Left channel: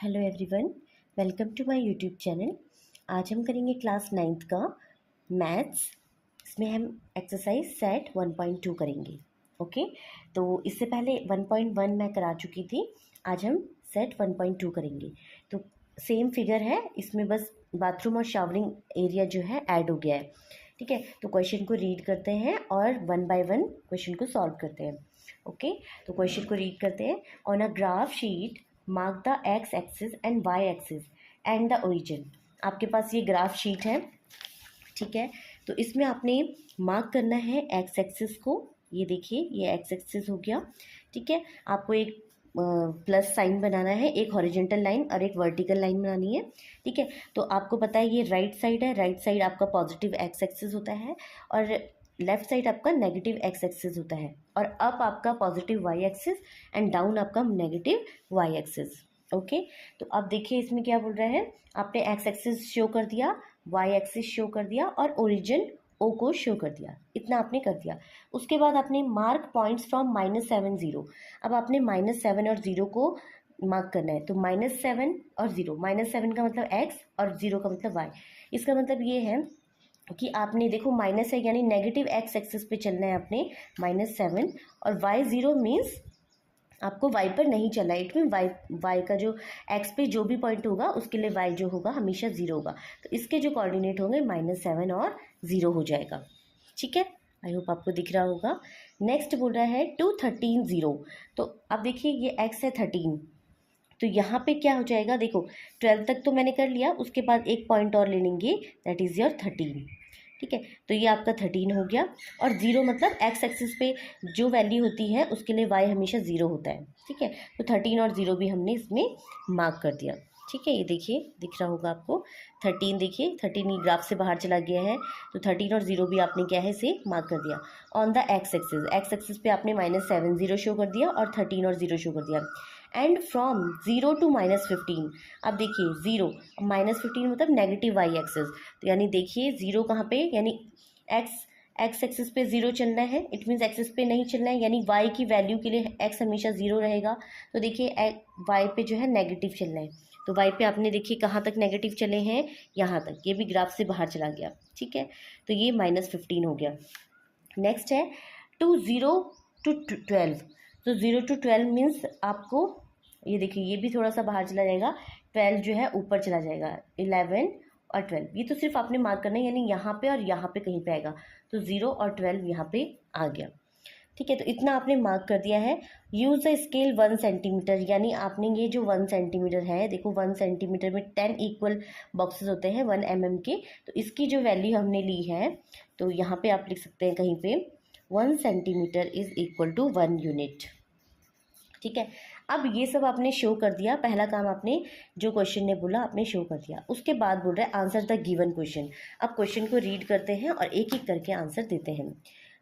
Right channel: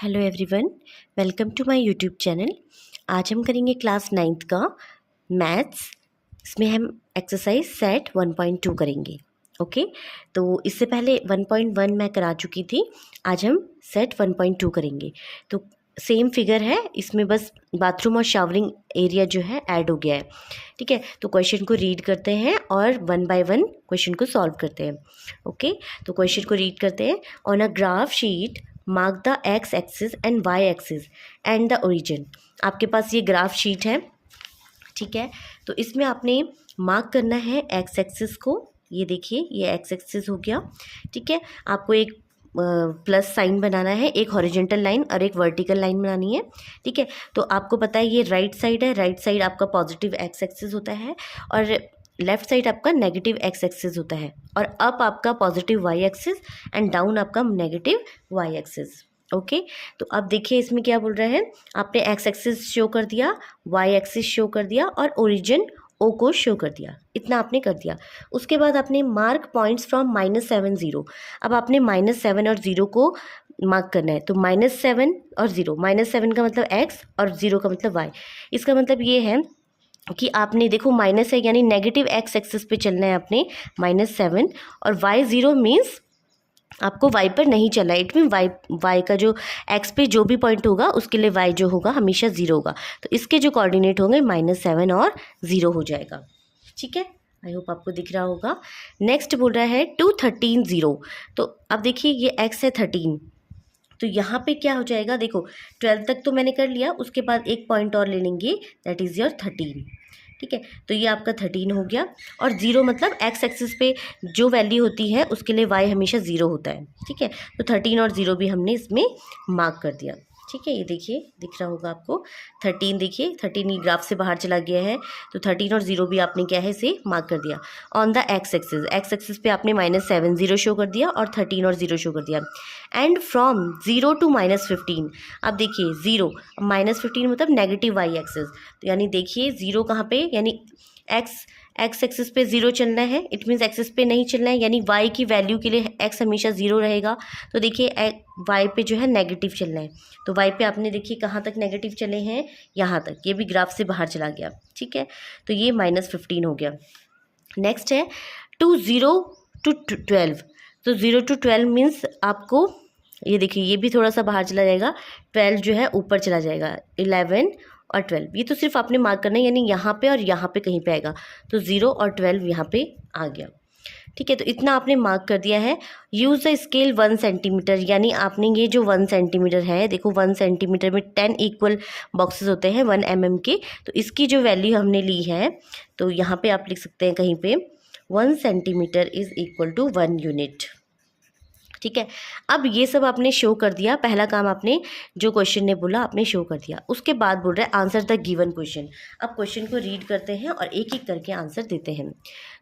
Hello everyone, welcome to my YouTube channel. आज हम करेंगे क्लास 9th का मैथ्स। इसमें हम एक्सरसाइज सेट 1.2 करेंगे। ओके, तो इससे पहले 1.1 मैं करा चुकी थी। आज हम सेट 1.2 करेंगे। तो सेम फिगर है, इसमें बस बाथरूम और शावरिंग एरिया जो है ऐड हो गया है। ठीक है, तो क्वेश्चन को रीड करते हैं और 1 बाय 1 क्वेश्चन को सॉल्व करते हैं। ओके, तो क्वेश्चन को रीड करते हैं। On a graph sheet mark the x axis and y axis and the origin. आपके पास ये ग्राफ शीट है, ठीक है। तो इसमें आपने मार्क करना है एक्स एक्सिस को। ये देखिए, ये एक्स एक्सिस हो गया, ठीक है। आपको एक प्लस साइन बनाना है, एक हॉरिजॉन्टल लाइन और एक वर्टिकल लाइन बनानी है, ठीक है। तो आपको पता है ये राइट साइड है, राइट साइड आपका पॉजिटिव एक्स एक्सिस होता है और लेफ्ट साइड आपका नेगेटिव एक्स एक्सिस होता है, और अप आपका positive y axis and down आपका नेगेटिव वाई एक्सिस। ओके, तो अब देखिए इसमें क्या बोल रहा है। आपने एक्स एक्सिस शो कर दिया, वाई एक्सिस शो कर दिया और ओरिजिन ओ को शो कर दिया। इतना आपने कर दिया। उसके बाद आपने मार्क पॉइंट्स फ्रॉम -7 0। अब आपने -7 और 0 को मार्क करना है। तो -7 और 0, -7 का मतलब एक्स और 0 का मतलब वाई। इसका मतलब ये है कि आपने देखो माइनस है यानी नेगेटिव एक्स एक्सिस पे चलना है आपने -7, और वाई 0 मीन्स आपको वाई पर नहीं चलना है। इट मीन वाई का जो एक्स पे जो भी पॉइंट होगा उसके लिए वाई जो होगा हमेशा 0 होगा। तो इसके जो कोऑर्डिनेट होंगे -7 और 0 हो जाएगा, ठीक है। आई होप आपको दिख रहा होगा। नेक्स्ट बोल रहा है 2 13 0। तो अब देखिए ये एक्स है 13, तो यहाँ पे क्या हो जाएगा, देखो 12 तक तो मैंने कर लिया, उसके बाद एक पॉइंट और ले लेंगे, दैट इज़ योर 13, ठीक है। तो ये आपका 13 हो गया। और 0 मतलब एक्स एक्सिस पे जो वैल्यू होती है उसके लिए वाई हमेशा 0 होता है, ठीक है। तो 13 और 0 भी हमने इसमें मार्क कर दिया, ठीक है। ये देखिए दिख रहा होगा आपको 13, देखिए 13 ये ग्राफ से बाहर चला गया है, तो 13 और 0 भी आपने क्या है इसे मार्क कर दिया। ऑन द एक्स एक्सिस पे आपने -7 0 शो कर दिया और 13 और 0 शो कर दिया। एंड फ्रॉम 0 टू -15, अब देखिए 0 -15 मतलब नेगेटिव वाई एक्सिस। तो यानी देखिए 0 कहाँ पे, यानी एक्स एक्सिस पे 0 चलना है, इट मीन्स एक्सिस पे नहीं चलना है, यानी वाई की वैल्यू के लिए एक्स हमेशा 0 रहेगा। तो देखिए वाई पे जो है नेगेटिव चलना है, तो वाई पे आपने देखिए कहाँ तक नेगेटिव चले हैं, यहाँ तक। ये भी ग्राफ से बाहर चला गया, ठीक है। तो ये -15 हो गया। नेक्स्ट है 0 to 12। तो 0 to 12 मीन्स आपको ये देखिए ये भी थोड़ा सा बाहर चला जाएगा, 12 जो है ऊपर चला जाएगा, 11 और 12। ये तो सिर्फ आपने मार्क करना है, यानी यहाँ पे और यहाँ पे कहीं पे आएगा। तो 0 और 12 यहाँ पे आ गया, ठीक है। तो इतना आपने मार्क कर दिया है। यूज़ द स्केल 1 सेंटीमीटर, यानी आपने ये जो 1 सेंटीमीटर है, देखो 1 सेंटीमीटर में 10 इक्वल बॉक्सेस होते हैं 1 mm के। तो इसकी जो वैल्यू हमने ली है, तो यहाँ पे आप लिख सकते हैं कहीं पे 1 centimetre is equal to 1 unit, ठीक है। अब ये सब आपने शो कर दिया, पहला काम आपने जो क्वेश्चन ने बोला आपने शो कर दिया। उसके बाद बोल रहा है आंसर द गिवन क्वेश्चन। अब क्वेश्चन को रीड करते हैं और एक एक करके आंसर देते हैं।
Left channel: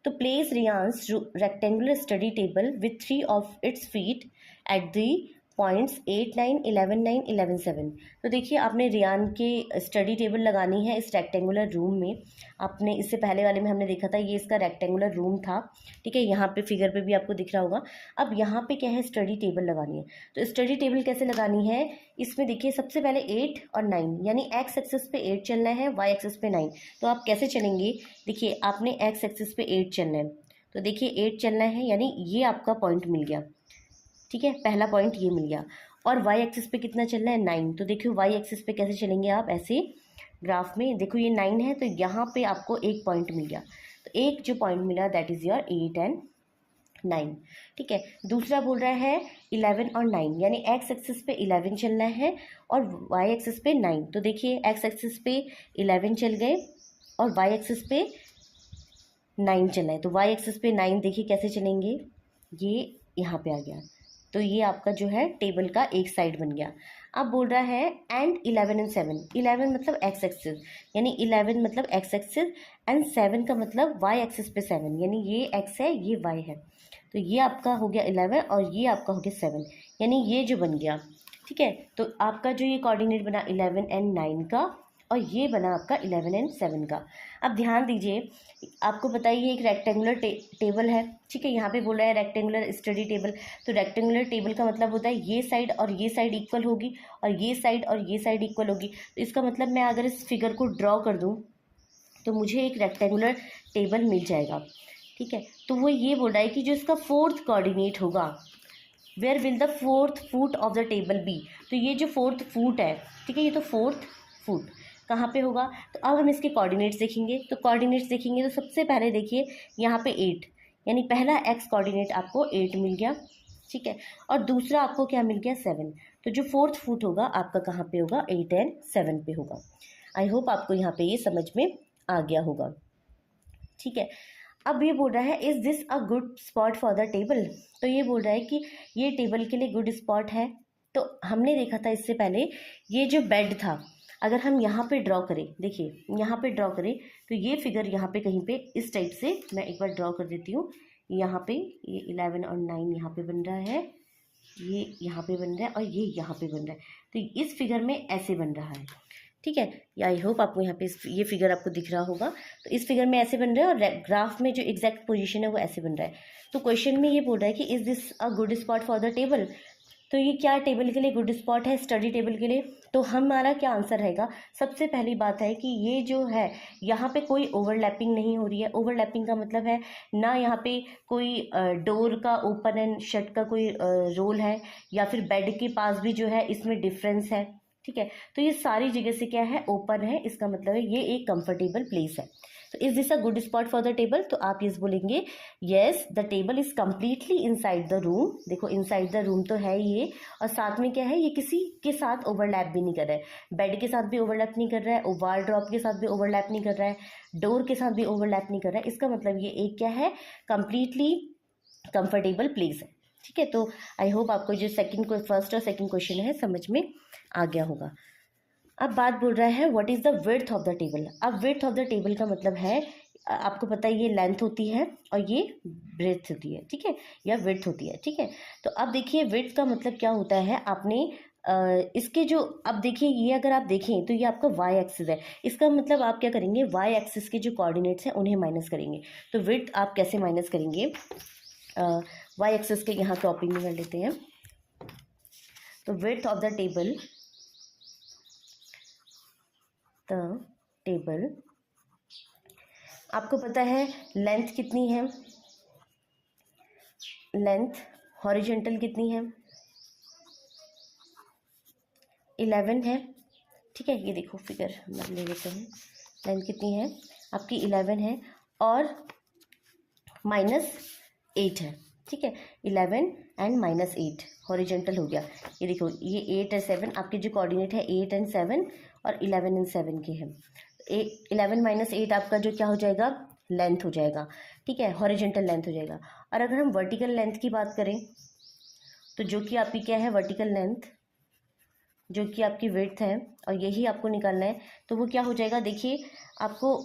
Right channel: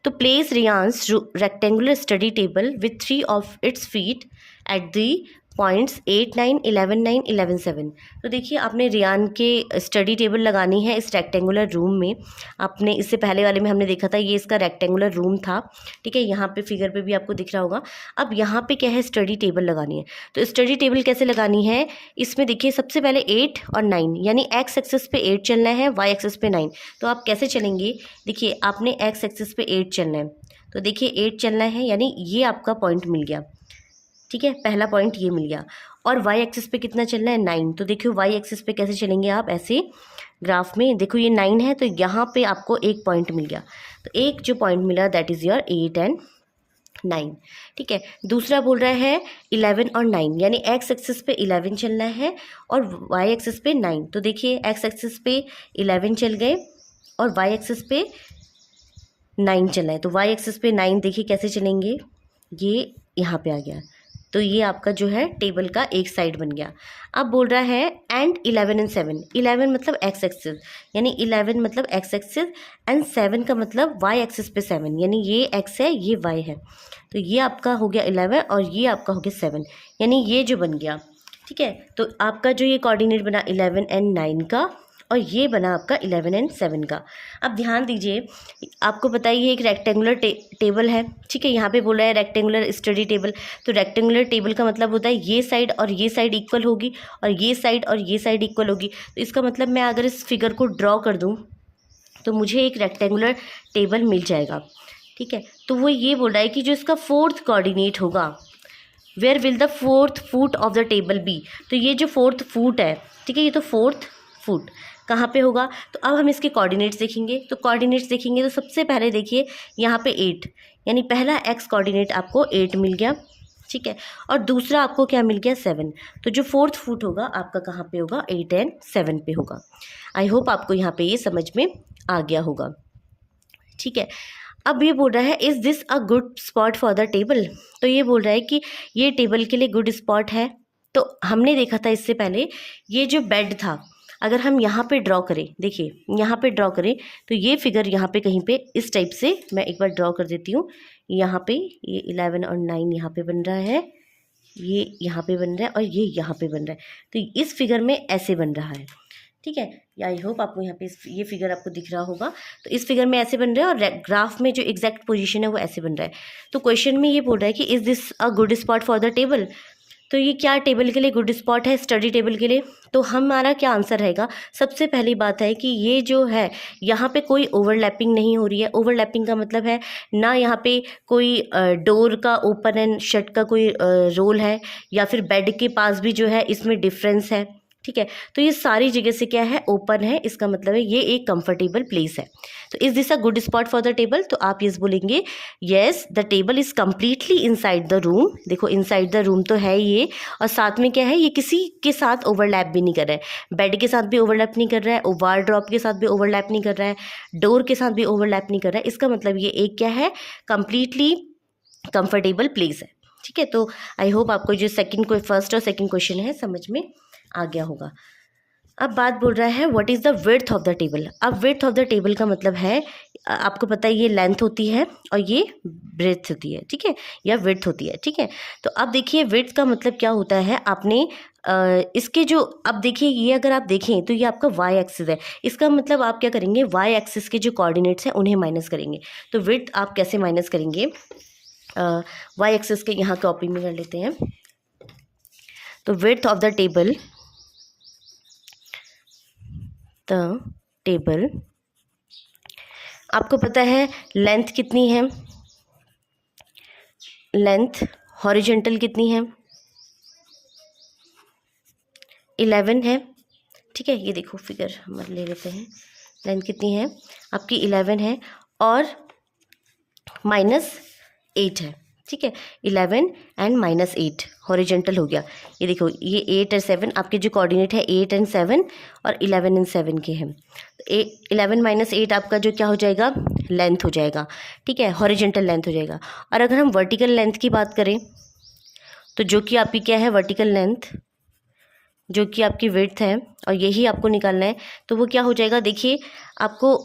तो place Reyansh's rectangular study table with 3 of its feet at the points 8 9 11 9 11 7। तो देखिए आपने रियान के स्टडी टेबल लगानी है इस रेक्टेंगुलर रूम में। आपने इससे पहले वाले में हमने देखा था, ये इसका रेक्टेंगुलर रूम था, ठीक है। यहाँ पे फिगर पे भी आपको दिख रहा होगा। अब यहाँ पे क्या है, स्टडी टेबल लगानी है। तो स्टडी टेबल कैसे लगानी है, इसमें देखिए सबसे पहले 8 और 9, यानी एक्स एक्सिस पे 8 चलना है, वाई एक्सिस पे 9। तो आप कैसे चलेंगे, देखिए आपने एक्स एक्सिस पे 8 चलना है, तो देखिए 8 चलना है, यानी ये आपका पॉइंट मिल गया, ठीक है। पहला पॉइंट ये मिल गया। और वाई एक्सिस पे कितना चलना है, 9। तो देखिए वाई एक्सिस पे कैसे चलेंगे आप, ऐसे ग्राफ में देखो ये 9 है, तो यहाँ पे आपको एक पॉइंट मिल गया। तो एक जो पॉइंट मिला दैट इज़ योर 8 एंड 9, ठीक है। दूसरा बोल रहा है 11 और 9, यानी एक्स एक्सिस पे 11 चलना है और वाई एक्सिस पे 9। तो देखिए एक्स एक्सिस पे 11 चल गए और वाई एक्सिस पे 9 चलना है। तो वाई एक्सिस पे 9 देखिए कैसे चलेंगे, ये यहाँ पे आ गया। तो ये आपका जो है टेबल का एक साइड बन गया। अब बोल रहा है एंड 11 एंड 7। 11 मतलब एक्स एक्सिस, यानी 11 मतलब एक्स एक्सिस एंड 7 का मतलब वाई एक्सिस पे 7, यानी ये एक्स है ये वाई है। तो ये आपका हो गया 11 और ये आपका हो गया 7, यानी ये जो बन गया, ठीक है। तो आपका जो ये कोऑर्डिनेट बना 11 एंड 9 का, और ये बना आपका 11 एंड 7 का। अब ध्यान दीजिए, आपको पता ही है एक रेक्टेंगुलर टेबल है, ठीक है। यहाँ पे बोल रहा है रेक्टेंगुलर स्टडी टेबल, तो रेक्टेंगुलर टेबल का मतलब होता है ये साइड और ये साइड इक्वल होगी और ये साइड और ये साइड इक्वल होगी। तो इसका मतलब मैं अगर इस फिगर को ड्रॉ कर दूँ तो मुझे एक रेक्टेंगुलर टेबल मिल जाएगा, ठीक है। तो वो ये बोल रहा है कि जो इसका फोर्थ कोऑर्डिनेट होगा, where will the fourth foot of the table be. तो ये जो फोर्थ फुट है, ठीक है, ये तो फोर्थ फुट कहाँ पे होगा। तो अब हम इसके कोऑर्डिनेट्स देखेंगे। तो कोऑर्डिनेट्स देखेंगे तो सबसे पहले देखिए यहाँ पे 8, यानी पहला एक्स कोऑर्डिनेट आपको 8 मिल गया, ठीक है। और दूसरा आपको क्या मिल गया 7। तो जो फोर्थ फुट होगा आपका कहाँ पे होगा, 8 एंड 7 पे होगा। आई होप आपको यहाँ पे ये समझ में आ गया होगा, ठीक है। अब ये बोल रहा है is this a good spot for the table. तो ये बोल रहा है कि ये टेबल के लिए गुड स्पॉट है। तो हमने देखा था इससे पहले ये जो बेड था, अगर हम यहाँ पे ड्रॉ करें, देखिए यहाँ पे ड्रॉ करें तो ये फिगर यहाँ पे कहीं पे इस टाइप से मैं एक बार ड्रॉ कर देती हूँ। यहाँ पे ये 11 और 9 यहाँ पे बन रहा है, ये यहाँ पे बन रहा है और ये यहाँ पे बन रहा है। तो इस फिगर में ऐसे बन रहा है, ठीक है। आई होप आपको यहाँ पे ये फिगर आपको दिख रहा होगा। तो इस फिगर में ऐसे बन रहा है और ग्राफ में जो एग्जैक्ट पोजीशन है वो ऐसे बन रहा है। तो क्वेश्चन में ये बोल रहा है कि is this a good spot for the table. तो ये क्या टेबल के लिए गुड स्पॉट है, स्टडी टेबल के लिए। तो हमारा क्या आंसर रहेगा, सबसे पहली बात है कि ये जो है यहाँ पे कोई ओवरलैपिंग नहीं हो रही है। ओवरलैपिंग का मतलब है ना यहाँ पे कोई डोर का ओपन एंड शट का कोई रोल है, या फिर बेड के पास भी जो है इसमें डिफरेंस है, ठीक है। तो ये सारी जगह से क्या है, ओपन है। इसका मतलब है ये एक कंफर्टेबल प्लेस है। तो is this a good spot for the table. तो आप ये बोलेंगे yes the table is completely inside the room. देखो इनसाइड द रूम तो है ये, और साथ में क्या है, ये किसी के साथ ओवरलैप भी नहीं कर रहा है। बेड के साथ भी ओवरलैप नहीं कर रहा है, वार्डरोब के साथ भी ओवरलैप नहीं कर रहा है, डोर के साथ भी ओवरलैप नहीं कर रहा है। इसका मतलब ये एक क्या है, कंप्लीटली कंफर्टेबल प्लेस है, ठीक है। तो आई होप आपको जो फर्स्ट और सेकेंड क्वेश्चन है समझ में आ गया होगा। अब बात बोल रहा है what is the width of the table. अब विड्थ ऑफ द टेबल का मतलब है, आपको पता है ये लेंथ होती है और ये ब्रेथ होती है, ठीक है, या विड्थ होती है, ठीक है। तो अब देखिए विड्थ का मतलब क्या होता है, आपने इसके जो, अब देखिए ये अगर आप देखें तो ये आपका वाई एक्सिस है। इसका मतलब आप क्या करेंगे, वाई एक्सिस के जो कोऑर्डिनेट्स हैं उन्हें माइनस करेंगे। तो विड्थ आप कैसे माइनस करेंगे, वाई एक्सिस के यहाँ कॉपी में कर लेते हैं। तो विड्थ ऑफ द टेबल, आपको पता है लेंथ कितनी है, लेंथ हॉरिजॉन्टल कितनी है, 11 है, ठीक है। ये देखो फिगर हम ले लेते हैं, लेंथ कितनी है आपकी 11 है और -8 है, ठीक है। 11 एंड -8 हॉरिजॉन्टल हो गया। ये देखो ये 8 और 7 आपके जो कोऑर्डिनेट है 8 एंड 7 और 11 एंड 7 के हैं। 11 - 8 आपका जो क्या हो जाएगा, लेंथ हो जाएगा, ठीक है, हॉरिजॉन्टल लेंथ हो जाएगा। और अगर हम वर्टिकल लेंथ की बात करें तो जो कि आपकी क्या है, वर्टिकल लेंथ जो कि आपकी विड्थ है और यही आपको निकालना है। तो वो क्या हो जाएगा, देखिए आपको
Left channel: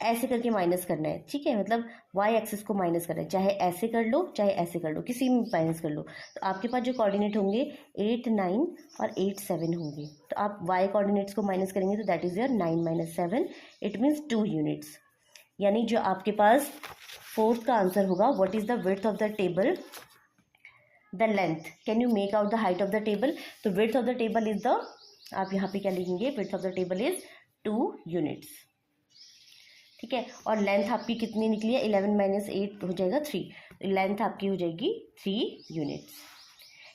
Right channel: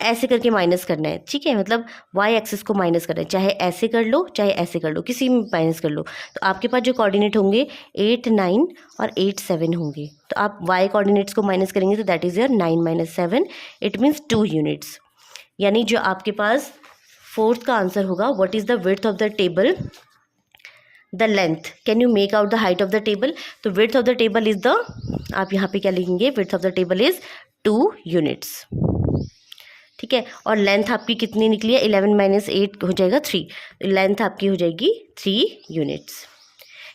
ऐसे करके माइनस करना है, ठीक है, मतलब वाई एक्सिस को माइनस करना है, चाहे ऐसे कर लो चाहे ऐसे कर लो, किसी में माइनस कर लो। तो आपके पास जो कोऑर्डिनेट होंगे 8, 9 और 8, 7 होंगे। तो आप वाई कोऑर्डिनेट्स को माइनस करेंगे तो that is your 9 - 7, it means 2 units. यानी जो आपके पास फोर्थ का आंसर होगा, what is the width of the table, the length, can you make out the height of the table. तो width of the table is the, आप यहाँ पे क्या लिखेंगे, width of the table is 2 units, ठीक है। और लेंथ आपकी कितनी निकली है, 11 - 8 हो जाएगा 3, लेंथ आपकी हो जाएगी 3 units.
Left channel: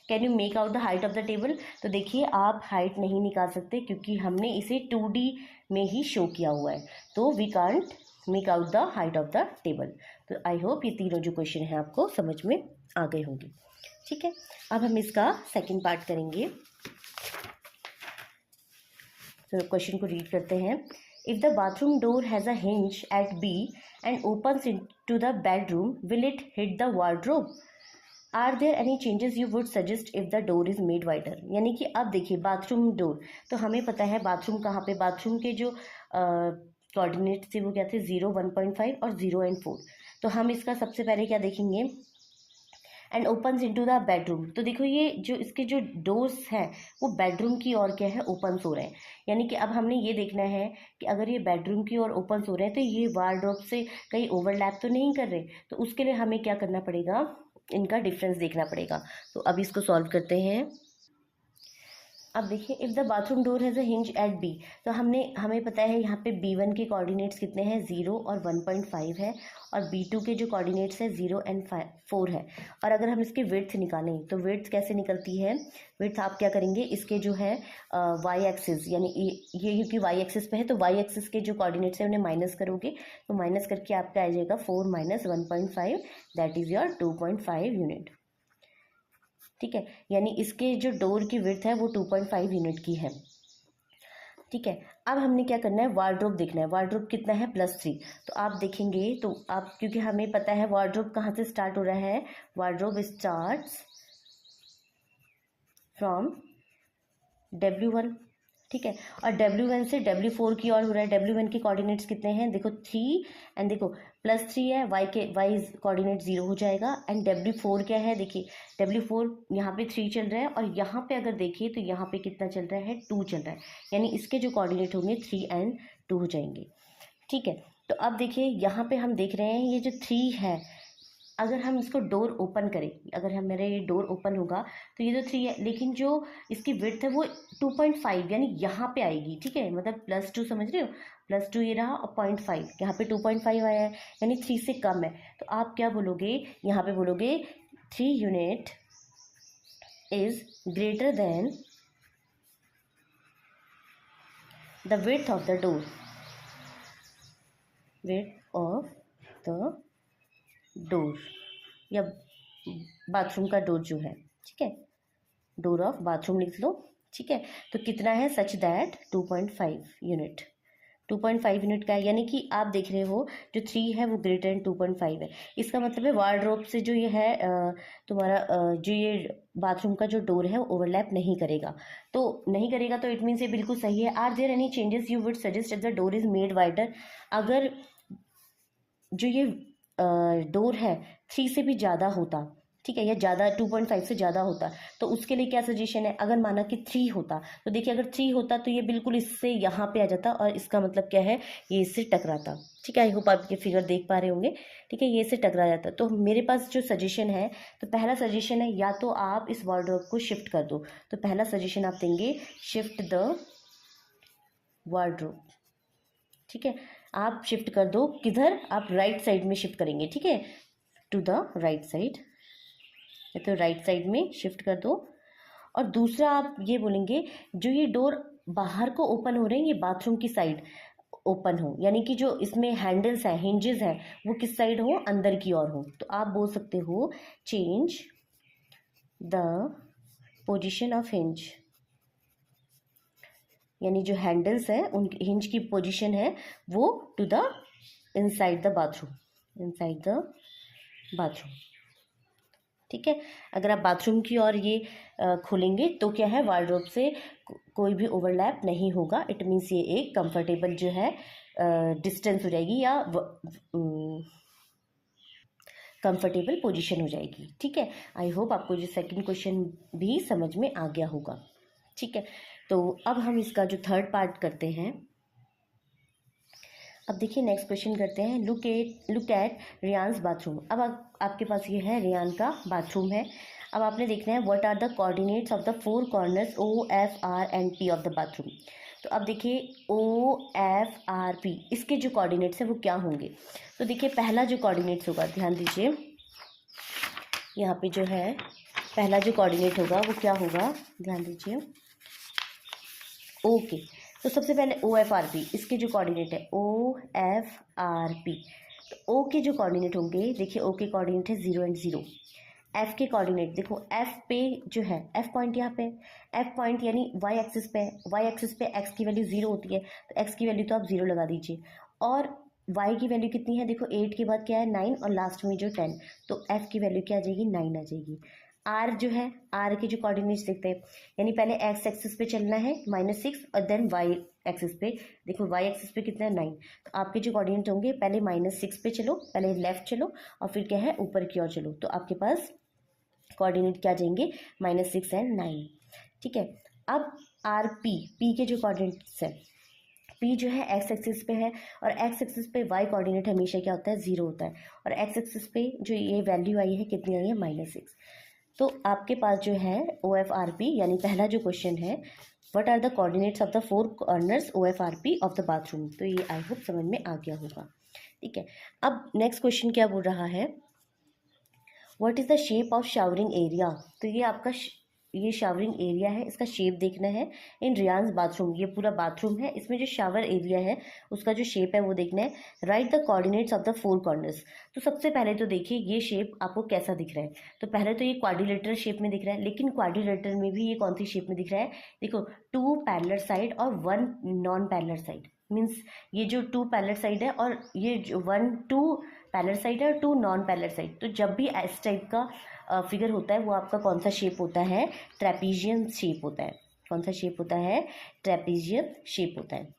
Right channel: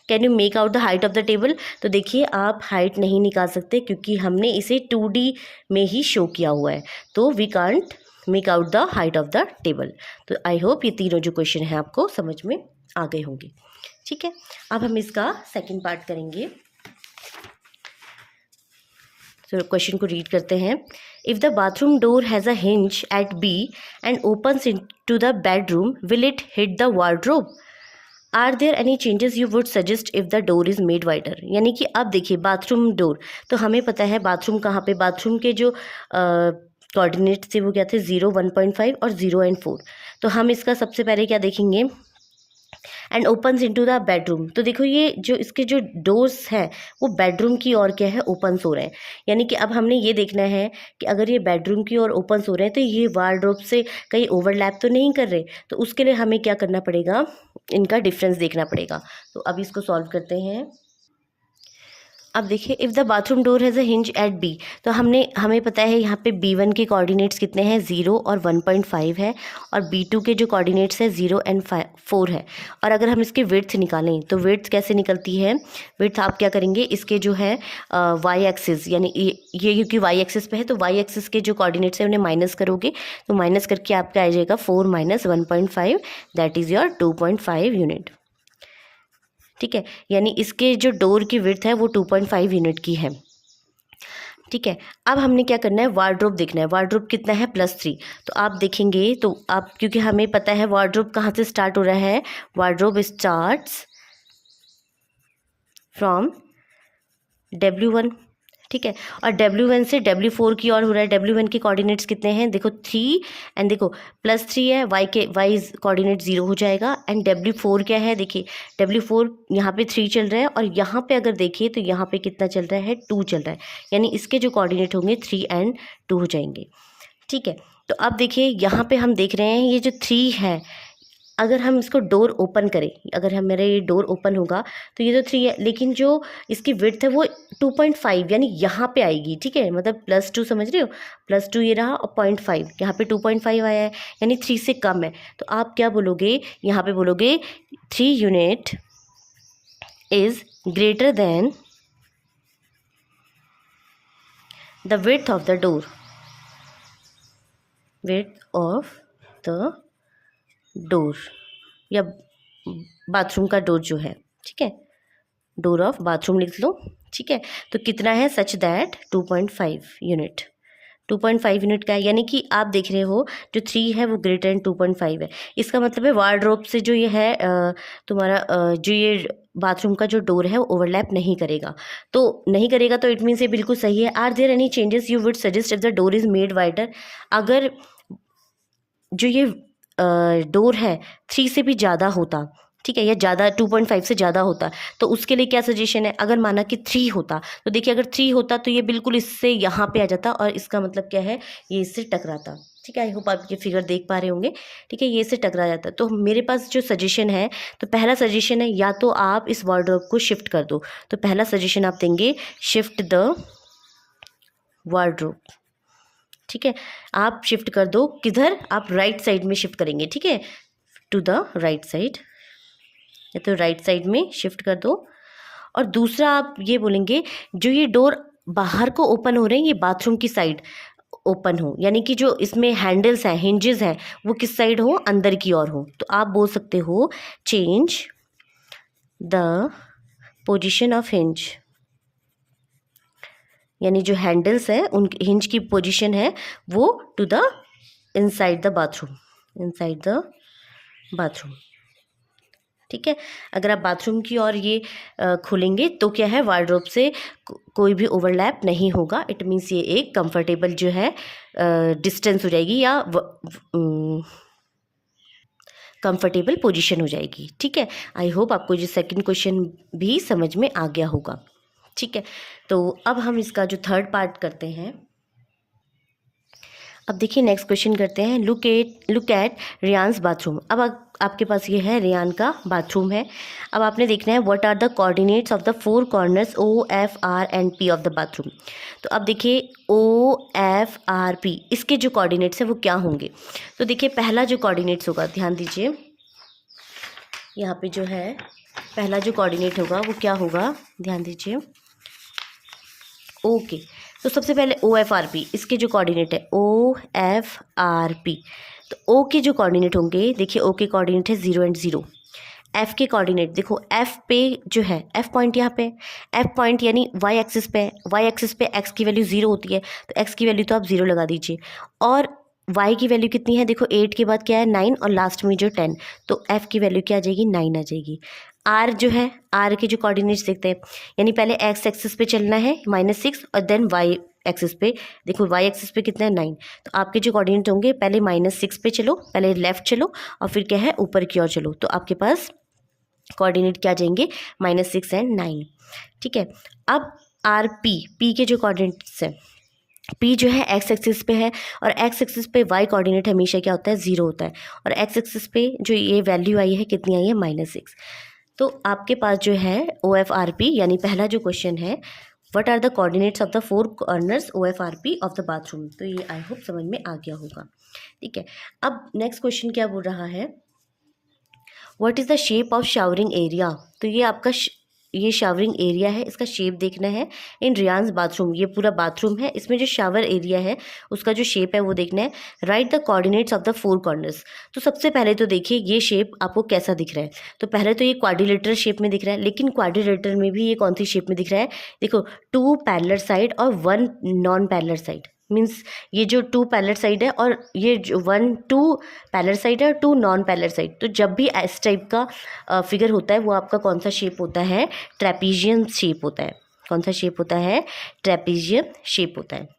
Can you make out the height of the table. तो देखिए आप हाइट नहीं निकाल सकते क्योंकि हमने इसे 2D में ही शो किया हुआ है, तो we can't make out the height of the table. तो आई होप ये तीनों जो क्वेश्चन हैं आपको समझ में आ गए होंगे, ठीक है। अब हम इसका सेकंड पार्ट करेंगे। तो क्वेश्चन को रीड करते हैं। If the bathroom door has a hinge at B and opens into the bedroom, will it hit the wardrobe? Are there any changes you would suggest if the door is made wider. यानी कि अब देखिए bathroom door, तो हमें पता है bathroom कहाँ पे, बाथरूम के जो कोऑर्डिनेट्स थे वो क्या थे, 0, 1.5 और 0 एंड 4। तो हम इसका सबसे पहले क्या देखेंगे, and opens into the bedroom. तो देखो ये जो इसके जो डोर्स हैं वो बेडरूम की ओर क्या है, ओपन्स हो रहे हैं। यानी कि अब हमने ये देखना है कि अगर ये बेडरूम की ओर ओपन्स हो रहे हैं तो ये वार्डरोब से कहीं ओवरलैप तो नहीं कर रहे। तो उसके लिए हमें क्या करना पड़ेगा, इनका डिफरेंस देखना पड़ेगा। तो अब इसको सॉल्व करते हैं। अब देखिए, if the bathroom door has a hinge at B, तो हमें पता है यहाँ पे B1 के कोऑर्डिनेट्स कितने हैं, 0 और 1.5 है, और B2 के जो कोऑर्डिनेट्स है 0 एंड 4 है। और अगर हम इसके विड्थ निकालें तो विड्थ कैसे निकलती है, विड्थ आप क्या करेंगे, इसके जो है वाई एक्सिस, यानी ये क्योंकि वाई एक्सिस पे है तो वाई एक्सिस के जो कोऑर्डिनेट्स है उन्हें माइनस करोगे, तो माइनस करके आपका आ जाएगा 4 minus 1.5, that is your 2.5 unit. ठीक है, यानी इसके जो डोर की विड्थ है वो 2.5 यूनिट की है। ठीक है, अब हमने क्या करना है, वार्डरोब देखना है। वार्डरोब कितना है, +3। तो आप देखेंगे तो आप, क्योंकि हमें पता है वार्डरोब कहाँ से स्टार्ट हो रहा है, वार्डरोब स्टार्ट्स फ्रॉम W1। ठीक है, और W1 से W4 की ओर हो रहा है। W1 के कोऑर्डिनेट्स कितने हैं, देखो 3, एंड देखो +3 है, वाई कोऑर्डिनेट 0 हो जाएगा। एंड W4 क्या है, देखिए W4 यहाँ पे 3 चल रहा है, और यहाँ पे अगर देखिए तो यहाँ पे कितना चल रहा है, 2 चल रहा है। यानी इसके जो कोऑर्डिनेट होंगे 3 एंड 2 हो जाएंगे। ठीक है, तो अब देखिए यहाँ पे हम देख रहे हैं ये जो 3 है, अगर हम इसको डोर ओपन करें, अगर हम मेरा ये डोर ओपन होगा तो ये तो 3 है, लेकिन जो इसकी विड्थ है वो 2.5 यानी यहाँ पे आएगी। ठीक है, मतलब +2, समझ रहे हो, +2 ये रहा और 0.5 यहाँ पे 2.5 आया है, यानी 3 से कम है। तो आप क्या बोलोगे, यहाँ पे बोलोगे 3 unit is greater than the width of the door, width of the door, या बाथरूम का डोर जो है। ठीक है, डोर ऑफ बाथरूम लिख लो। ठीक है, तो कितना है, सच दैट 2.5 यूनिट, 2.5 यूनिट का है। यानी कि आप देख रहे हो जो 3 है वो ग्रेटर देन 2.5 है। इसका मतलब है वार्डरोब से जो ये है तुम्हारा जो ये बाथरूम का जो डोर है वो ओवरलैप नहीं करेगा। तो नहीं करेगा तो इट मीन्स ये बिल्कुल सही है। Are there any changes you would suggest if the door is made wider, अगर जो ये डोर है 3 से भी ज़्यादा होता, ठीक है, या ज़्यादा 2.5 से ज़्यादा होता, तो उसके लिए क्या सजेशन है, अगर माना कि 3 होता तो देखिए अगर 3 होता तो ये बिल्कुल इससे यहाँ पे आ जाता, और इसका मतलब क्या है, ये इससे टकराता। ठीक है, आई होप आप ये फिगर देख पा रहे होंगे। ठीक है, ये इससे टकरा जाता। तो मेरे पास जो सजेशन है, तो पहला सजेशन है या तो आप इस वार्डरोब को शिफ्ट कर दो। तो पहला सजेशन आप देंगे, शिफ्ट द वार्डरोब। ठीक है, आप शिफ्ट कर दो, किधर, आप राइट साइड में शिफ्ट करेंगे। ठीक है, टू द राइट साइड, या तो राइट साइड में शिफ्ट कर दो। और दूसरा आप ये बोलेंगे, जो ये डोर बाहर को ओपन हो रहे हैं ये बाथरूम की साइड ओपन हो, यानी कि जो इसमें हैंडल्स हैं, हिंजेस हैं, वो किस साइड हो, अंदर की ओर हो। तो आप बोल सकते हो, change the position of hinge, यानी जो हैंडल्स हैं उन हिंज की पोजीशन है वो to the inside the bathroom, inside the bathroom. ठीक है, अगर आप बाथरूम की ओर ये खोलेंगे तो क्या है, वार्डरोब से कोई भी ओवरलैप नहीं होगा। इट मीन्स ये एक कंफर्टेबल जो है डिस्टेंस हो जाएगी, या कंफर्टेबल पोजीशन हो जाएगी। ठीक है, आई होप आपको ये सेकंड क्वेश्चन भी समझ में आ गया होगा। ठीक है, तो अब हम इसका जो थर्ड पार्ट करते हैं। अब देखिए नेक्स्ट क्वेश्चन करते हैं, लुक एट रियान्स बाथरूम। अब आपके पास ये है, रियान का बाथरूम है। अब आपने देखना है, what are the coordinates of the 4 corners OF, R and P of the bathroom. तो अब देखिए OF, R, P इसके जो कोऑर्डिनेट्स हैं वो क्या होंगे। तो देखिए पहला जो कोऑर्डिनेट्स होगा, ध्यान दीजिए, यहाँ पे जो है पहला जो कोऑर्डिनेट होगा वो क्या होगा, ध्यान दीजिए, ओके। तो सबसे पहले OF, R, P इसके जो कोऑर्डिनेट है OF, R, P, तो O के जो कोऑर्डिनेट होंगे, देखिए O के कोऑर्डिनेट है 0 एंड 0। F के कोऑर्डिनेट देखो, F पे जो है F पॉइंट यहाँ पे, F पॉइंट यानी Y एक्सिस पे, Y एक्सिस पे X की वैल्यू 0 होती है, तो X की वैल्यू तो आप 0 लगा दीजिए। और Y की वैल्यू कितनी है, देखो 8 के बाद क्या है 9, और लास्ट में जो 10, तो F की वैल्यू क्या आ जाएगी, 9 आ जाएगी। R जो है, R के जो कोऑर्डिनेट्स देखते हैं, यानी पहले X एक्सिस पे चलना है -6 और देन Y एक्सिस पे, देखो वाई एक्सिस पे कितना है 9, तो आपके जो कोऑर्डिनेट होंगे पहले -6 पे चलो, पहले लेफ्ट चलो और फिर क्या है ऊपर की ओर चलो, तो आपके पास कोऑर्डिनेट क्या जाएंगे -6 एंड 9। ठीक है, अब आर पी के जो कोऑर्डिनेट्स है, पी जो है एक्स एक्सिस पे है और एक्स एक्सिस पे वाई कोऑर्डिनेट हमेशा क्या होता है 0 होता है, और एक्स एक्सिस पे जो ये वैल्यू आई है कितनी आई है -6। तो आपके पास जो है ओ एफ आर पी, यानी पहला जो क्वेश्चन है what are the coordinates of the 4 corners O F R P of the bathroom, तो ये आई होप समझ में आ गया होगा। ठीक है, अब नेक्स्ट क्वेश्चन क्या बोल रहा है, what is the shape of showering area, तो ये आपका ये शावरिंग एरिया है, इसका शेप देखना है इन रियान्स बाथरूम, ये पूरा बाथरूम है, इसमें जो शावर एरिया है उसका जो शेप है वो देखना है। Right the coordinates of the 4 corners, तो सबसे पहले तो देखिए ये शेप आपको कैसा दिख रहा है, तो पहले तो ये क्वाड्रिलेटरल शेप में दिख रहा है, लेकिन क्वाड्रिलेटरल में भी ये कौन सी शेप में दिख रहा है, देखो 2 पैरेलल साइड और 1 नॉन पैरेलल साइड, मीन्स ये जो 2 पैरेलल साइड है और ये जो 2 पैरेलल साइड है और 2 नॉन पैरेलल साइड, तो जब भी इस टाइप का फिगर होता है वो आपका कौन सा शेप होता है, ट्रेपीजियम शेप होता है। कौन सा शेप होता है, ट्रेपीजियम शेप होता है।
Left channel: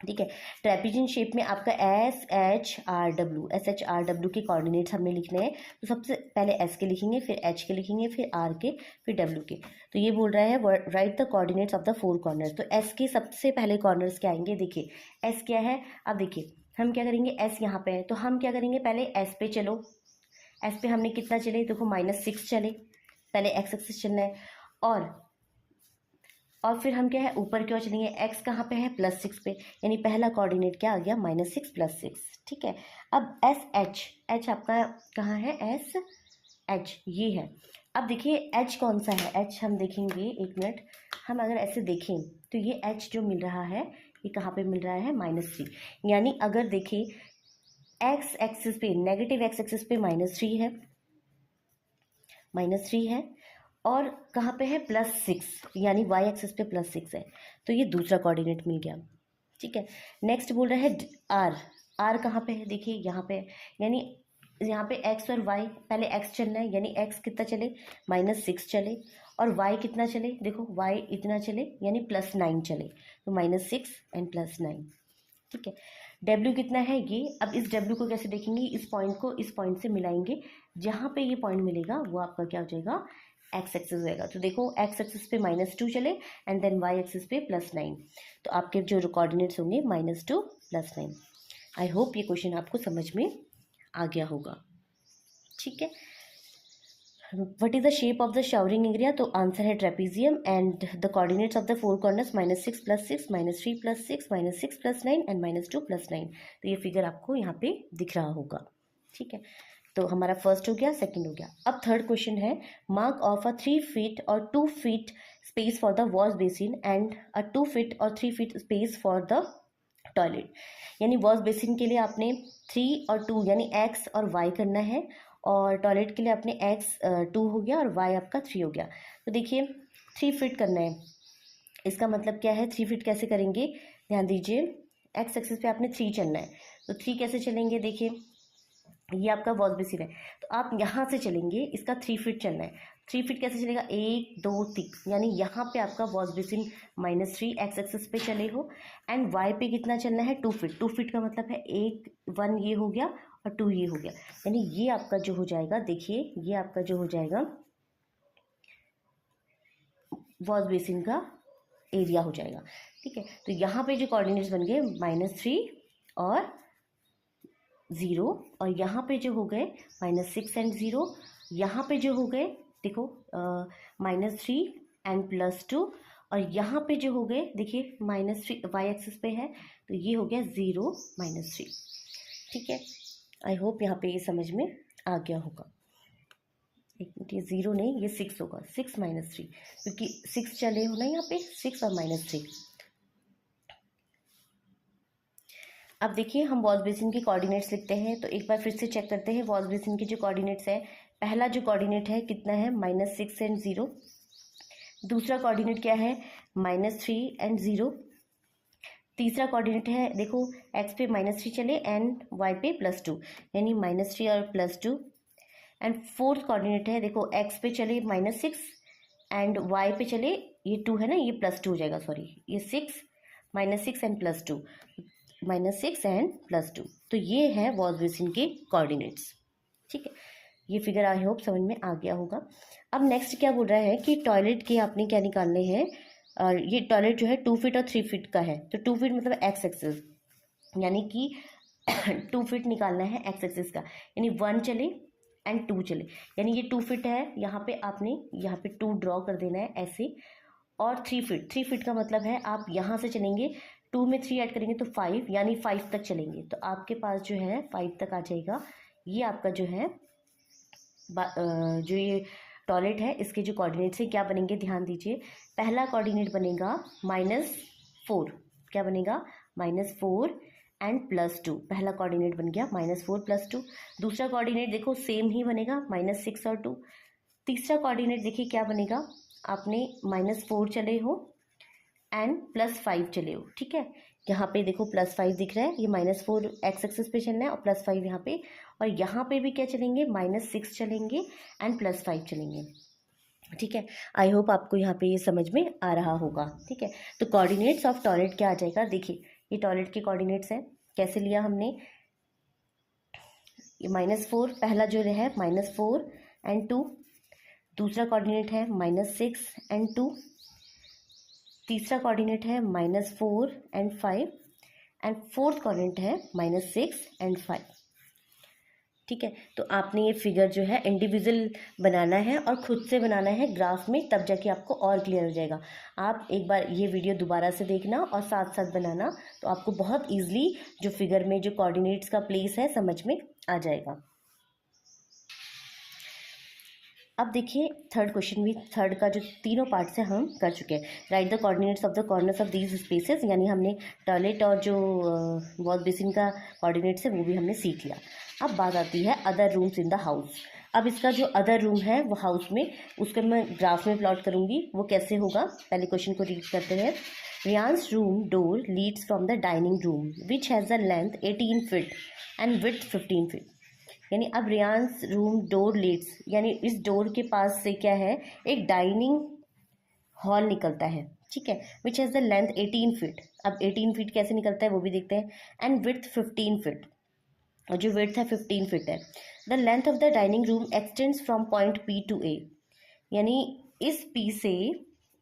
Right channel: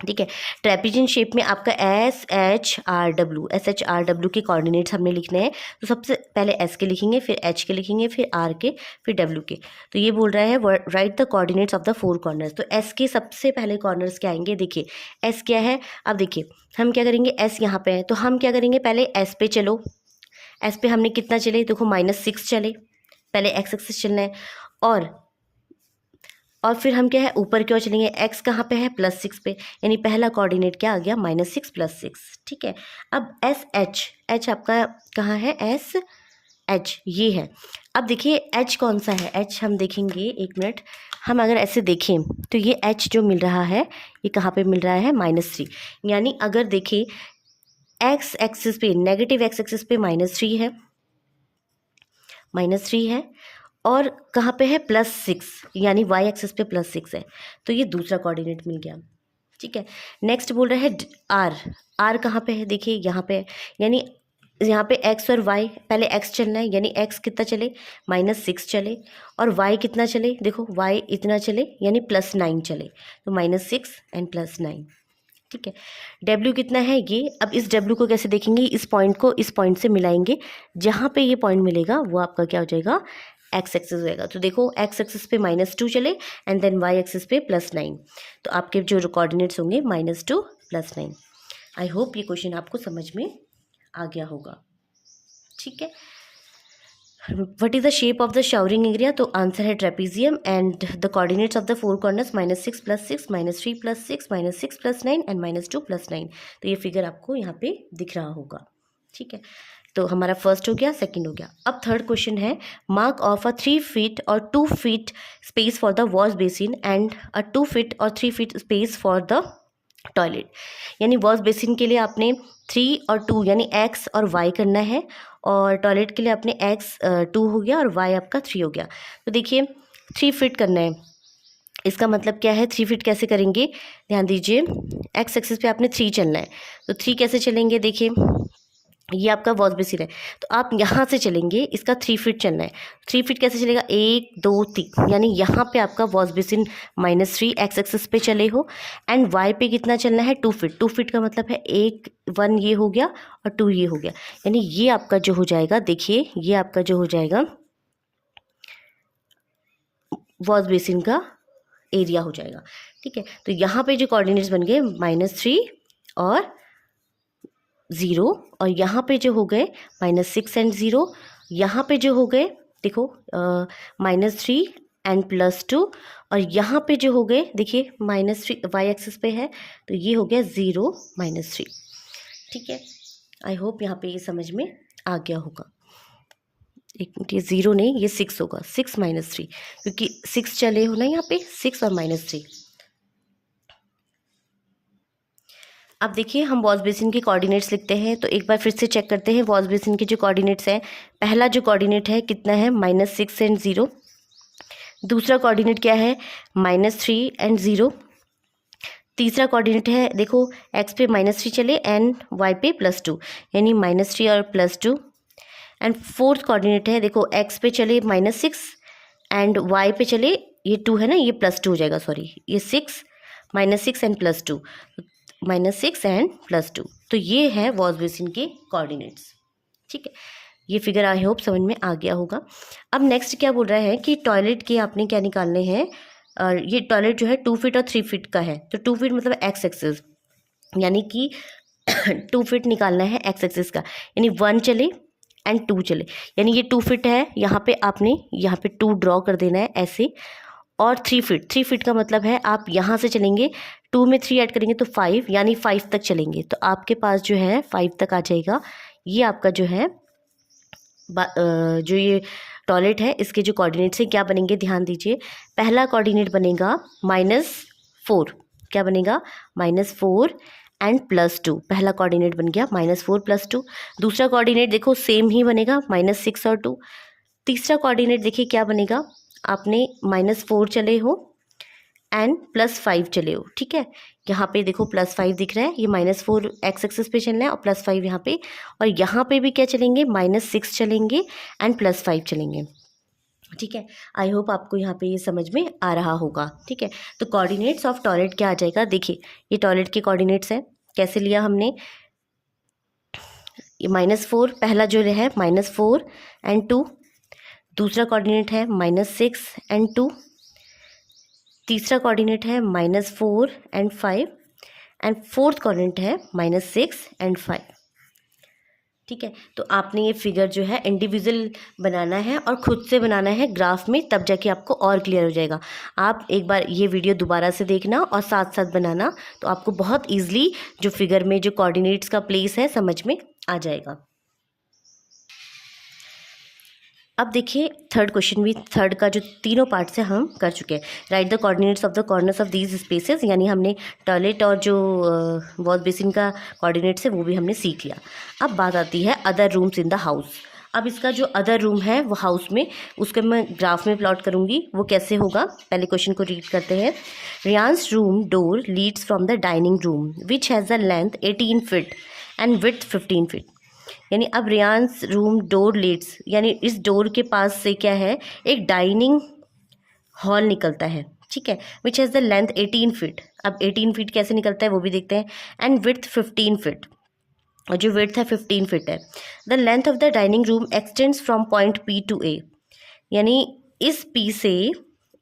ठीक है, ट्रेपीजियम शेप में आपका एस एच आर डब्ल्यू के कोऑर्डिनेट्स हमने लिखने हैं, तो सबसे पहले एस के लिखेंगे, फिर एच के लिखेंगे, फिर आर के, फिर डब्ल्यू के। तो ये बोल रहा है right the coordinates of the 4 corners, तो एस के सबसे पहले कॉर्नर्स क्या आएंगे, देखिए एस क्या है, अब देखिए हम क्या करेंगे, एस यहाँ पे है तो हम क्या करेंगे, पहले एस पे चलो, एस पे हमने कितना चले, देखो -6 चले, पहले एक्स एक्सिस चलना है, और फिर हम क्या है ऊपर की ओर चलेंगे, एक्स कहाँ पे है +6 पे, यानी पहला कोऑर्डिनेट क्या आ गया -6 +6। ठीक है, अब एस एच आपका कहाँ है, एस एच ये है। अब देखिए एच कौन सा है, एच हम देखेंगे, एक मिनट, हम अगर ऐसे देखें तो ये एच जो मिल रहा है ये कहाँ पे मिल रहा है -3, यानी अगर देखें एक्स एक्सिस पे, नेगेटिव एक्स एक्सिस पे -3 है, और कहाँ पे है +6, यानी वाई एक्सिस पे +6 है, तो ये दूसरा कोऑर्डिनेट मिल गया। ठीक है, नेक्स्ट बोल रहा है आर कहाँ पे है, देखिए यहाँ पे है, यानी यहाँ पे एक्स और वाई, पहले एक्स चलना है, यानी एक्स कितना चले -6 चले, और वाई कितना चले, देखो वाई इतना चले, यानी +9 चले, तो -6 एंड +9। ठीक है, डब्ल्यू कितना है ये, अब इस डब्ल्यू को कैसे देखेंगे, इस पॉइंट को इस पॉइंट से मिलाएंगे, जहाँ पे ये पॉइंट मिलेगा वो आपका क्या हो जाएगा, एक्स एक्सिस होएगा। तो देखो एक्स एक्सिस पे -2 चले एंड देन वाई एक्सिस पे +9, तो आपके जो कोऑर्डिनेट्स होंगे -2 +9। आई होप ये क्वेश्चन आपको समझ में आ गया होगा। ठीक है, what is the shape of the showering area, तो आंसर है trapezium, and the coordinates of the 4 corners -6 +6 -3 +6 -6 +9 and -2 +9, तो ये फिगर आपको यहाँ पे दिख रहा होगा। ठीक है, तो हमारा फर्स्ट हो गया, सेकंड हो गया। अब थर्ड क्वेश्चन है, मार्क ऑफ अ 3 फीट और 2 feet space for the wash basin and a 2 feet और 3 feet space for the toilet, यानी वॉश बेसिन के लिए आपने 3 और 2 यानी एक्स और वाई करना है, और टॉयलेट के लिए आपने एक्स 2 हो गया और वाई आपका 3 हो गया। तो देखिए 3 फीट करना है, इसका मतलब क्या है, 3 फीट कैसे करेंगे, ध्यान दीजिए, एक्स एक्सिस पे आपने 3 चलना है, तो 3 कैसे चलेंगे, देखिए ये आपका वॉश बेसिन है, तो आप यहाँ से चलेंगे, इसका 3 फीट चलना है, 3 फीट कैसे चलेगा, 1 2 3, यानी यहाँ पे आपका वॉश बेसिन -3 एक्स एक्सिस पे चले हो, एंड वाई पे कितना चलना है 2 फीट, 2 फीट का मतलब है 1 ये हो गया और 2 ये हो गया, यानी ये आपका जो हो जाएगा, देखिए ये आपका जो हो जाएगा वॉश बेसिन का एरिया हो जाएगा। ठीक है, तो यहाँ पे जो कोऑर्डिनेट्स बन गए -3 और 0, और यहाँ पे जो हो गए -6 एंड 0, यहाँ पे जो हो गए देखो -3 एंड +2, और यहाँ पे जो हो गए देखिए -3 वाई एक्सिस पे है, तो ये हो गया 0 -3। ठीक है, आई होप यहाँ पे ये समझ में आ गया होगा। एक मिनट, ये 0 नहीं, ये 6 होगा, 6 -3, क्योंकि 6 चले हो ना यहाँ पे, 6 और -3। अब देखिए हम वॉश बेसिन के कोऑर्डिनेट्स लिखते हैं, तो एक बार फिर से चेक करते हैं वॉश बेसिन के जो कोऑर्डिनेट्स हैं। पहला जो कोऑर्डिनेट है कितना है, -6 एंड 0। दूसरा कोऑर्डिनेट क्या है, -3 एंड 0। तीसरा कोऑर्डिनेट है, देखो एक्स पे -3 चले एंड वाई पे +2, यानी -3 और +2। एंड फोर्थ कोऑर्डिनेट है, देखो एक्स पे चले -6 एंड वाई पे चले, ये 2 है ना, ये +2 हो जाएगा, सॉरी ये 6 -6 एंड +2, -6 एंड +2। तो ये है वॉश बेसिन के कोऑर्डिनेट्स। ठीक है, ये फिगर आई होप समझ में आ गया होगा। अब नेक्स्ट क्या बोल रहा है कि टॉयलेट के आपने क्या निकालने हैं। ये टॉयलेट जो है 2 फीट और 3 फीट का है, तो 2 फीट मतलब एक्स एक्सिस, यानी कि 2 फीट निकालना है एक्स एक्सिस का, यानी 1 चले एंड 2 चले, यानी ये 2 फीट है, यहाँ पे आपने यहाँ पे 2 ड्रॉ कर देना है ऐसे। और 3 फीट का मतलब है आप यहाँ से चलेंगे, 2 में 3 ऐड करेंगे तो 5, यानी 5 तक चलेंगे, तो आपके पास जो है 5 तक आ जाएगा। ये आपका जो है जो ये टॉयलेट है इसके जो कोऑर्डिनेट्स हैं क्या बनेंगे, ध्यान दीजिए। पहला कोऑर्डिनेट बनेगा -4, क्या बनेगा, -4 एंड +2, पहला कोऑर्डिनेट बन गया -4 +2। दूसरा कोऑर्डिनेट देखो सेम ही बनेगा -6 और 2। तीसरा कोऑर्डिनेट देखिए क्या बनेगा, आपने -4 चले हो एंड +5 चले हो। ठीक है, यहाँ पे देखो +5 दिख रहा है, ये -4 एक्स एक्सिस पे चलना है और +5 यहाँ पे, और यहाँ पे भी क्या चलेंगे, -6 चलेंगे एंड +5 चलेंगे। ठीक है, आई होप आपको यहाँ पे ये समझ में आ रहा होगा। ठीक है, तो कोऑर्डिनेट्स ऑफ टॉयलेट क्या आ जाएगा, देखिए ये टॉयलेट के कोऑर्डिनेट्स हैं, कैसे लिया हमने, ये -4 पहला जो है -4 एंड 2, दूसरा कोऑर्डिनेट है -6 एंड 2, तीसरा कोऑर्डिनेट है -4 एंड 5, एंड फोर्थ कोऑर्डिनेट है -6 एंड 5। ठीक है, तो आपने ये फिगर जो है इंडिविजुअल बनाना है और खुद से बनाना है ग्राफ में, तब जाके आपको और क्लियर हो जाएगा। आप एक बार ये वीडियो दोबारा से देखना और साथ साथ बनाना, तो आपको बहुत ईजिली जो फिगर में जो कोऑर्डिनेट्स का प्लेस है समझ में आ जाएगा। अब देखिए थर्ड क्वेश्चन भी, थर्ड का जो तीनों पार्ट से हम कर चुके हैं। Right the coordinates of the corners of these spaces, यानी हमने टॉयलेट और जो वॉश बेसिन का कोऑर्डिनेट्स है वो भी हमने सीख लिया। अब बात आती है other rooms in the house. अब इसका जो अदर रूम है वो हाउस में, उसको मैं ग्राफ में प्लॉट करूँगी, वो कैसे होगा, पहले क्वेश्चन को रीड करते हैं। Reyansh's room door leads from the dining room which has the length 18 feet and width 15 feet. यानी अब रियांस रूम डोर लीड्स, यानी इस डोर के पास से क्या है, एक डाइनिंग हॉल निकलता है। ठीक है, विच हैज़ द लेंथ 18 फीट। अब 18 फीट कैसे निकलता है वो भी देखते हैं, एंड विड्थ 15 फीट, और जो विड्थ है 15 फीट है। The length of the dining room extends from point P to A, यानी इस P से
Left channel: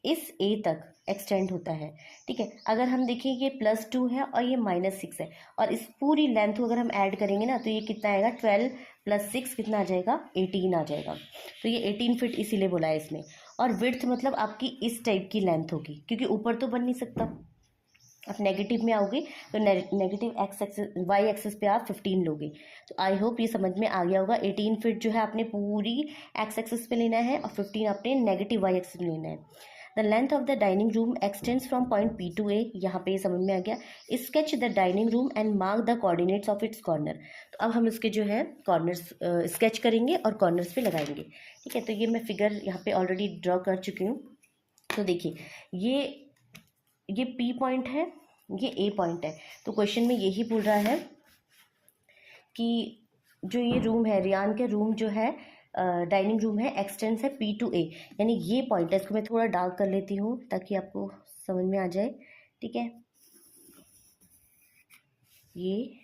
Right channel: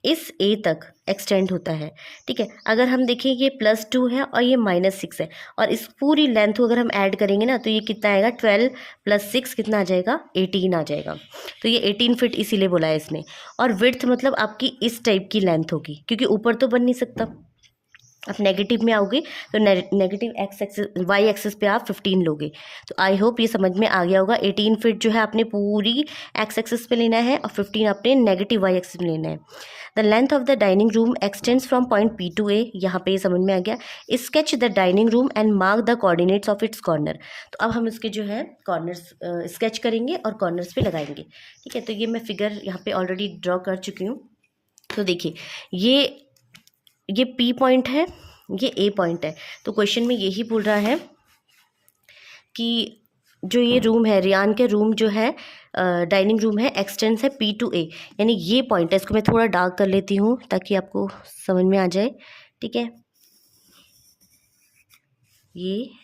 इस A तक एक्सटेंड होता है। ठीक है, अगर हम देखें ये +2 है और ये -6 है, और इस पूरी लेंथ को अगर हम ऐड करेंगे ना तो ये कितना आएगा, 12 + 6 कितना आ जाएगा, 18 आ जाएगा। तो ये 18 फीट इसीलिए बोला है इसने। और विड्थ मतलब आपकी इस टाइप की लेंथ होगी, क्योंकि ऊपर तो बन नहीं सकता। आप नेगेटिव में आओगे तो negative x axis y axis पे आप 15 लोगे। तो आई होप ये समझ में आ गया होगा। 18 फीट जो है आपने पूरी एक्स एक्सिस पे लेना है और 15 आपने नेगेटिव वाई एक्सिस में लेना है। The length of the dining room extends from point P to A, यहाँ पे ये समझ में आ गया। Sketch the dining room and mark the coordinates of its corner. तो अब हम इसके जो है कॉर्नर्स स्केच करेंगे और कॉर्नर्स पे लगाएंगे। ठीक है, तो ये मैं फिगर यहाँ पे ऑलरेडी ड्रॉ कर चुकी हूँ। तो देखिए ये P पॉइंट है, ये A पॉइंट है। तो क्वेश्चन में यही बोल रहा है कि जो ये रूम है, रियान के रूम जो है डाइनिंग रूम है, एक्सटेंस है P टू A, यानी ये पॉइंट है। इसको मैं थोड़ा डार्क कर लेती हूँ ताकि आपको समझ में आ जाए। ठीक है, ये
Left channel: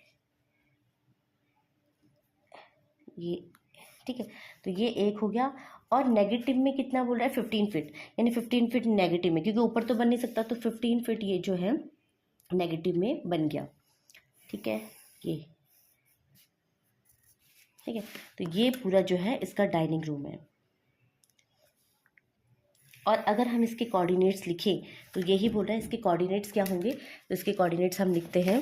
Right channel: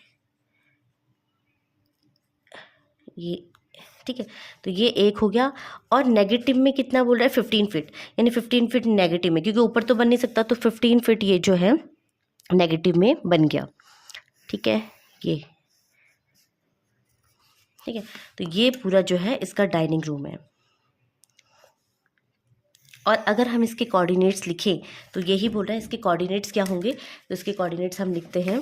ठीक है, तो ये एक हो गया। और नेगेटिव में कितना बोल रहा है, 15 फीट, यानी 15 फीट नेगेटिव में, क्योंकि ऊपर तो बन नहीं सकता, तो 15 फीट ये जो है नेगेटिव में बन गया। ठीक है, ये ठीक है, तो ये पूरा जो है इसका डाइनिंग रूम है। और अगर हम इसके कोऑर्डिनेट्स लिखें तो यही बोल रहा है इसके कोऑर्डिनेट्स क्या होंगे। तो इसके कोऑर्डिनेट्स हम लिखते हैं,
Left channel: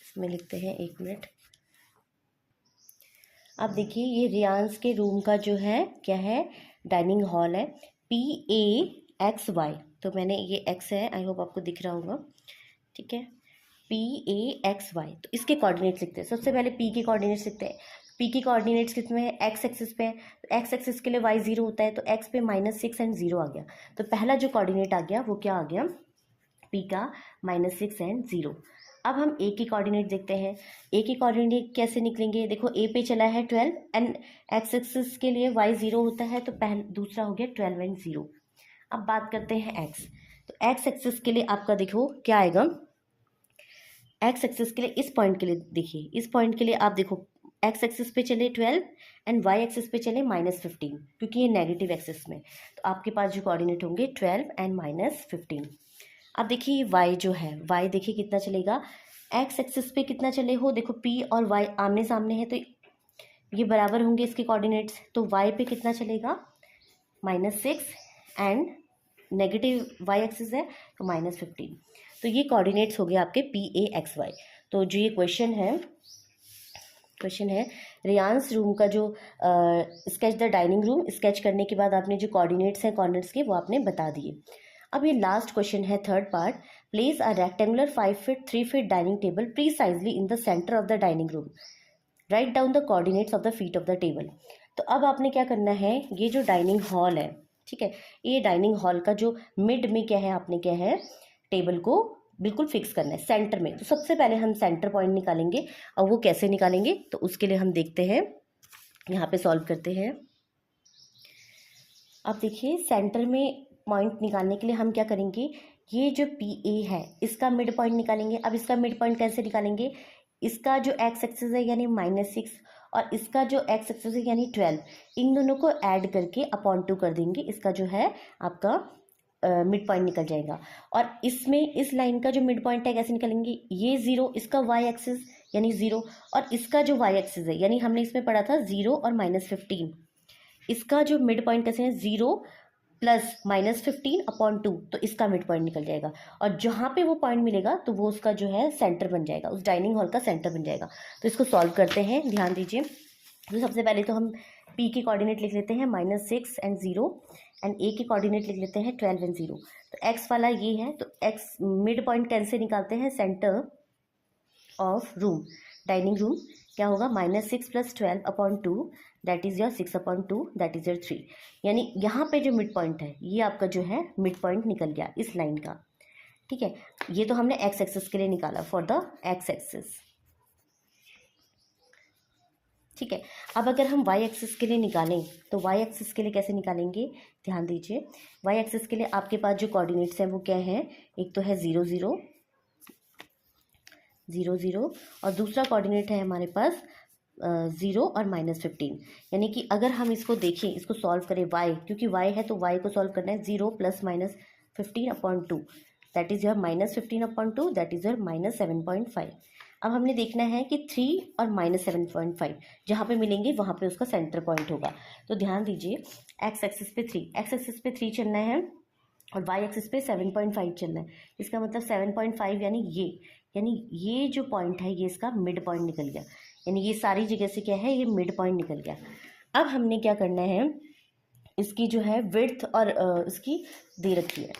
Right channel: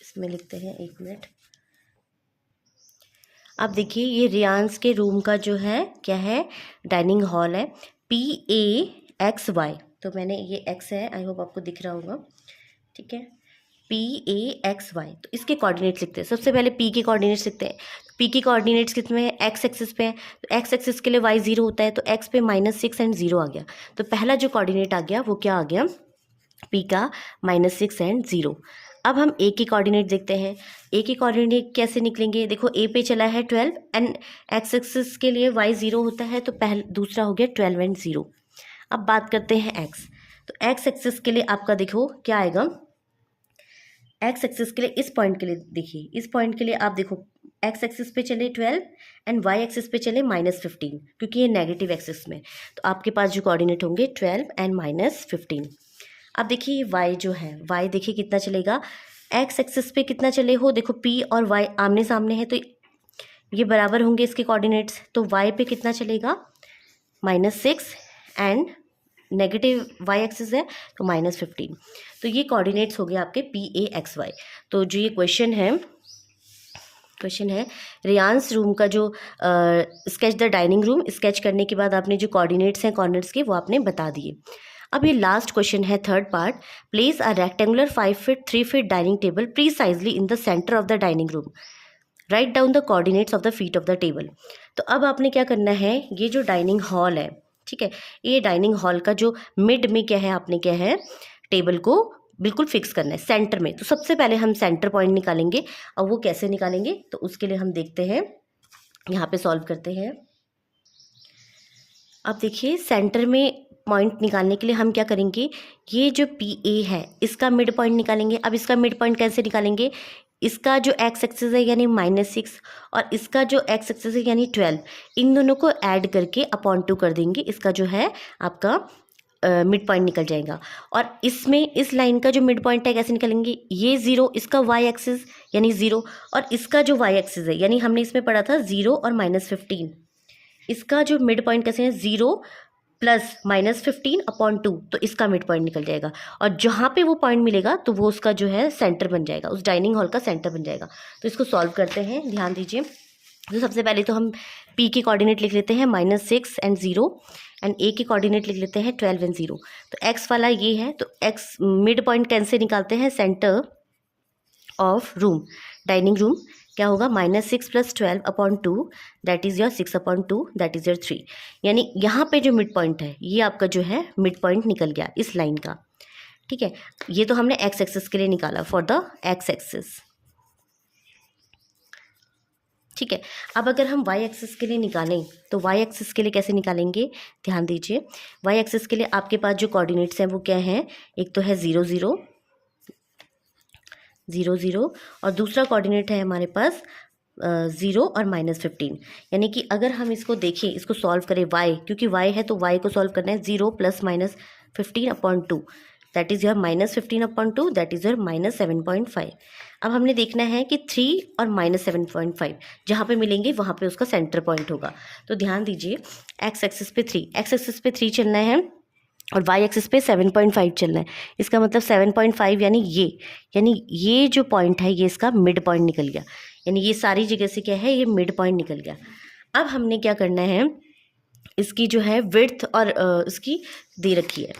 इसमें लिखते हैं, 1 मिनट। अब देखिए ये रियांस के रूम का जो है क्या है, डाइनिंग हॉल है, PAXY। तो मैंने ये x है, आई होप आपको दिख रहा होगा। ठीक है, PAXY। तो इसके कोऑर्डिनेट्स लिखते हैं। सबसे पहले P के कोऑर्डिनेट्स लिखते हैं। P के कोऑर्डिनेट्स कितने हैं, एक्स एक्सिस पे हैं, तो एक्स एक्सिस के लिए y 0 होता है, तो x पे -6 एंड 0 आ गया। तो पहला जो कोऑर्डिनेट आ गया वो क्या आ गया, P का -6 एंड 0। अब हम A के कोऑर्डिनेट देखते हैं। A के कोऑर्डिनेट कैसे निकलेंगे, देखो A पे चला है 12 एंड एक्स एक्सिस के लिए y 0 होता है, तो दूसरा हो गया 12 एंड 0। अब बात करते हैं एक्स। तो एक्स एक्सिस के लिए आपका देखो क्या आएगा, एक्स एक्सिस के लिए इस पॉइंट के लिए देखिए, इस पॉइंट के लिए आप देखो एक्स एक्सिस पे चले 12 एंड वाई एक्सिस पे चले -15, क्योंकि ये नेगेटिव एक्सिस में, तो आपके पास जो कोऑर्डिनेट होंगे 12 एंड -15। अब देखिए वाई जो है, वाई देखिए कितना चलेगा, एक्स एक्सिस पे कितना चले हो, देखो पी और वाई आमने सामने है तो ये बराबर होंगे इसके कोऑर्डिनेट्स, तो वाई पे कितना चलेगा -6 एंड नेगेटिव वाई एक्सिस है तो -15। तो ये कोऑर्डिनेट्स हो गए आपके PAXY। तो जो ये क्वेश्चन है रियांस रूम का जो sketch the dining room, sketch करने के बाद आपने जो कोऑर्डिनेट्स हैं कॉर्नर्स के वो आपने बता दिए। अब ये लास्ट क्वेश्चन है third part, place a rectangular 5 feet 3 feet dining table precisely in the centre of the dining room, write down the coordinates of the feet of the table. तो अब आपने क्या करना है, ये जो डाइनिंग हॉल है, ठीक है, ये डाइनिंग हॉल का जो मिड में क्या है, आपने क्या है टेबल को बिल्कुल फिक्स करना है सेंटर में। तो सबसे पहले हम सेंटर पॉइंट निकालेंगे, और वो कैसे निकालेंगे तो उसके लिए हम देखते हैं, यहाँ पे सॉल्व करते हैं। अब देखिए सेंटर में पॉइंट निकालने के लिए हम क्या करेंगे, ये जो PA है इसका मिड पॉइंट निकालेंगे। अब इसका मिड पॉइंट कैसे निकालेंगे, इसका जो एक्स एक्सिस है यानी -6 और इसका जो एक्स एक्सिस है यानी 12, इन दोनों को ऐड करके अपॉन 2 कर देंगे, इसका जो है आपका मिड पॉइंट निकल जाएगा। और इसमें इस लाइन का जो मिड पॉइंट है कैसे निकालेंगे, ये 0 इसका वाई एक्सिस यानी 0, और इसका जो वाई एक्सिस है यानी हमने इसमें पढ़ा था 0 और -15, इसका जो मिड पॉइंट कैसे है 0 प्लस -15 अपॉन 2, तो इसका मिड पॉइंट निकल जाएगा। और जहाँ पे वो पॉइंट मिलेगा तो वो उसका जो है सेंटर बन जाएगा, उस डाइनिंग हॉल का सेंटर बन जाएगा। तो इसको सॉल्व करते हैं, ध्यान दीजिए। तो सबसे पहले तो हम P के कोऑर्डिनेट लिख लेते हैं -6 एंड 0, एंड A के कोऑर्डिनेट लिख लेते हैं 12 एंड 0। तो X वाला ये है, तो X मिड पॉइंट कैसे निकालते हैं, centre of room dining room क्या होगा, -6 + 12 upon 2 that is your 6 upon 2 that is your 3। यानी यहाँ पे जो मिड पॉइंट है ये आपका जो है मिड पॉइंट निकल गया इस लाइन का, ठीक है। ये तो हमने एक्स एक्सिस के लिए निकाला फॉर द एक्स एक्सिस, ठीक है। अब अगर हम वाई एक्सिस के लिए निकालें तो वाई एक्सिस के लिए कैसे निकालेंगे, ध्यान दीजिए। वाई एक्सिस के लिए आपके पास जो कोऑर्डिनेट्स हैं वो क्या हैं, एक तो है 0 0 0 0 और दूसरा कोऑर्डिनेट है हमारे पास 0 और -15। यानी कि अगर हम इसको देखें, इसको सॉल्व करें y, क्योंकि y है तो y को सॉल्व करना है 0 + -15 upon 2 that is your -15 upon 2 that is your -7.5। अब हमने देखना है कि 3 और -7.5 जहाँ पे मिलेंगे वहाँ पे उसका सेंटर पॉइंट होगा। तो ध्यान दीजिए, एक्स एक्सिस पे 3, एक्स एक्सिस पे 3 चलना है और वाई एक्सिस पे 7.5 चलना है। इसका मतलब 7.5 यानी ये जो पॉइंट है ये इसका मिड पॉइंट निकल गया, यानी ये सारी जगह से क्या है, ये मिड पॉइंट निकल गया। अब हमने क्या करना है, इसकी जो है विड्थ और इसकी दे रखी है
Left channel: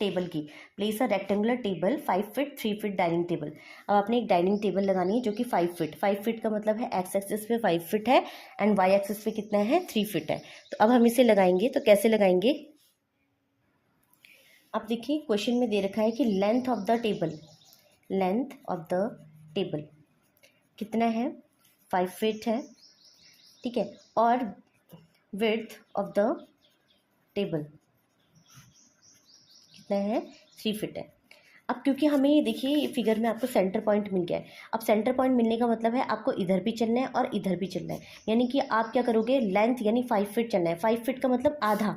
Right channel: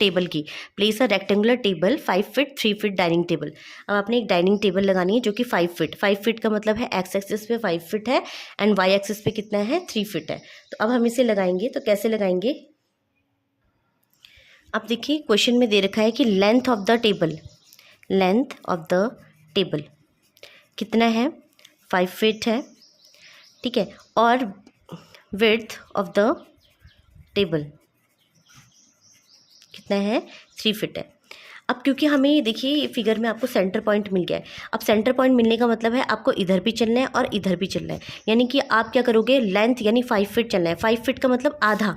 टेबल की, place a rectangular table 5 feet 3 feet dining table. अब आपने एक डाइनिंग टेबल लगानी है जो कि 5 फीट का मतलब है एक्स एक्सिस पे 5 फीट है एंड वाई एक्सिस पे कितना है 3 फीट है। तो अब हम इसे लगाएंगे, तो कैसे लगाएंगे, अब देखिए क्वेश्चन में दे रखा है कि लेंथ ऑफ द टेबल कितना है, 5 फीट है, ठीक है, और विड्थ ऑफ द टेबल कितना है 3 फीट है। अब क्योंकि हमें देखिए ये फिगर में आपको सेंटर पॉइंट मिल गया है, अब सेंटर पॉइंट मिलने का मतलब है आपको इधर भी चलना है और इधर भी चलना है, यानी कि आप क्या करोगे, लेंथ यानी 5 फीट चलना है, 5 फीट का मतलब आधा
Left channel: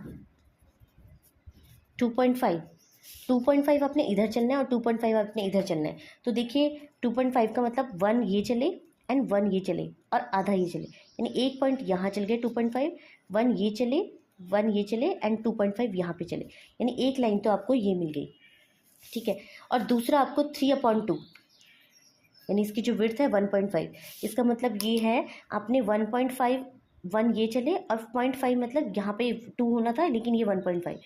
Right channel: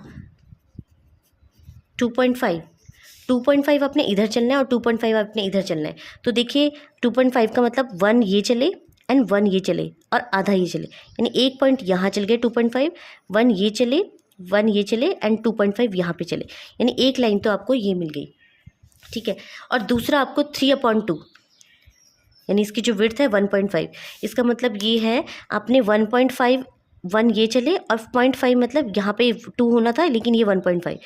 2.5 अपने इधर चलना है और 2.5 अपने इधर चलना है। तो देखिए 2.5 का मतलब 1 ये चले एंड 1 ये चले और आधा ये चले, यानी एक पॉइंट यहाँ चल गए 2.5, 1 ये चले 1 ये चले एंड 2.5 यहाँ पे चले, यानी एक लाइन तो आपको ये मिल गई, ठीक है। और दूसरा आपको 3/2 यानी इसकी जो विड्थ है 1.5, इसका मतलब ये है आपने 1.5 1 ये चले और 0.5 मतलब यहाँ पे 2 होना था लेकिन ये 1.5,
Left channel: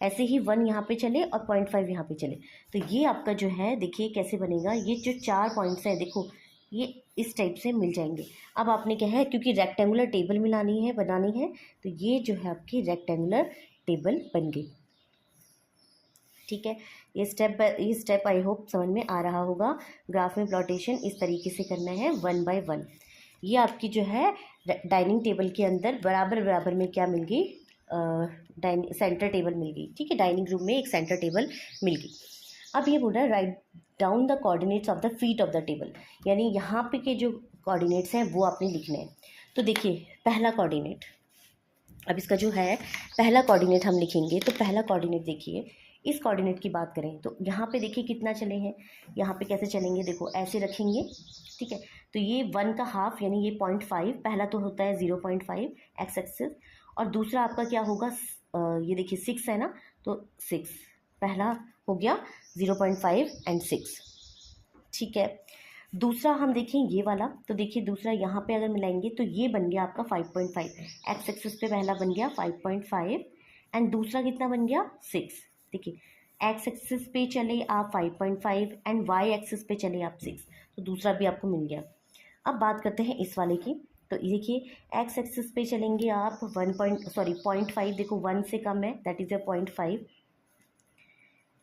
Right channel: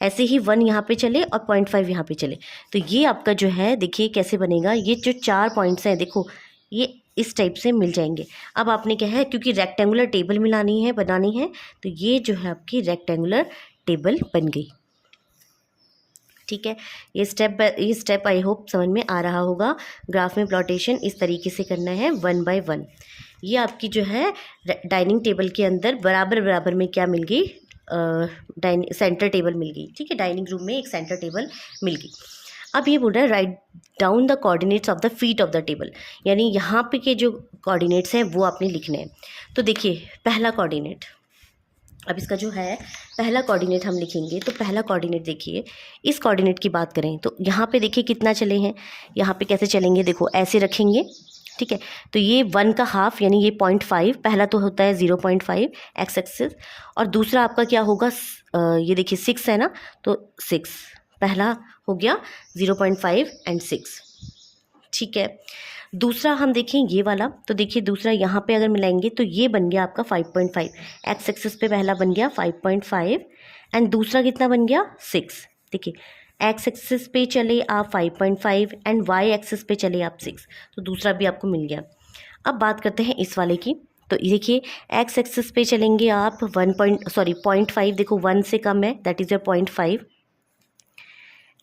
ऐसे ही 1 यहाँ पे चले और 0.5 यहाँ पे चले। तो ये आपका जो है देखिए कैसे बनेगा, ये जो 4 पॉइंट्स हैं देखो ये इस टाइप से मिल जाएंगे। अब आपने क्या है, क्योंकि रेक्टेंगुलर टेबल बनानी है तो ये जो है आपकी रेक्टेंगुलर टेबल बन गई, ठीक है। ये स्टेप आई होप समझ में आ रहा होगा। ग्राफ में प्लॉटेशन इस तरीके से करना है 1 बाय 1। ये आपकी जो है डाइनिंग टेबल के अंदर बराबर में क्या मिल गई, सेंटर टेबल मिल गई, ठीक है, डाइनिंग रूम में एक सेंटर टेबल मिल गई। अब ये बोल रहा है write down the coordinates of the feet of the table, यानी यहाँ पे के जो कोऑर्डिनेट्स हैं वो आपने लिखने हैं। तो देखिए पहला कोऑर्डिनेट, अब इसका जो है पहला कोऑर्डिनेट हम लिखेंगे, तो पहला कोऑर्डिनेट देखिए, इस कोऑर्डिनेट की बात करें तो यहाँ पे देखिए कितना चले हैं, यहाँ पे कैसे चलेंगे, देखो ऐसे रखेंगे, ठीक है। तो ये 1 का हाफ यानी ये 0.5, पहला तो होता है 0.5 एक्स एक्सिस, और दूसरा आपका क्या होगा, ये देखिए 6 है ना, तो 6 पहला हो गया 0.5 एंड 6, ठीक है। दूसरा हम देखें ये वाला, तो देखिए दूसरा यहाँ पे अगर मिलाएंगे तो ये बन गया आपका 5.5, एक्स एक्सिस पे पहला बन गया 5.5 एंड दूसरा कितना बन गया 6। देखिए एक्स एक्सिस पे चले आप 5.5 एंड वाई एक्सिस पे चले आप 6, तो दूसरा भी आपको मिल गया। अब बात करते हैं इस वाले की, तो देखिए एक्स एक्सिस पे चलेंगे आप 0.5, देखो 1 से कम है, that is your 0.5,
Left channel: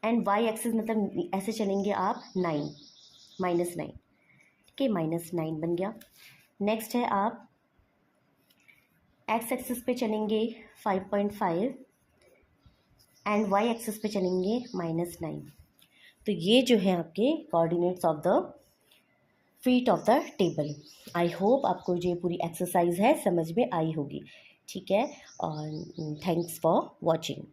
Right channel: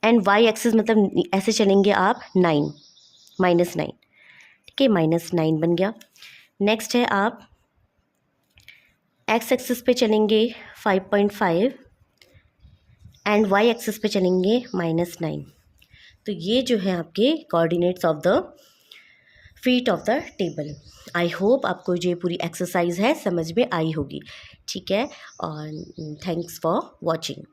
and y axis मतलब ऐसे चलेंगे आप 9 -9, ठीक है, -9 बन गया। नेक्स्ट है आप एक्स एक्सिस पे चलेंगे 5.5 एंड वाई एक्सिस पे चलेंगे -9। तो ये जो है आपके coordinates of the feet of the table. I hope आपको जो पूरी एक्सरसाइज है समझ में आई होगी, ठीक है, और थैंक्स फॉर वॉचिंग।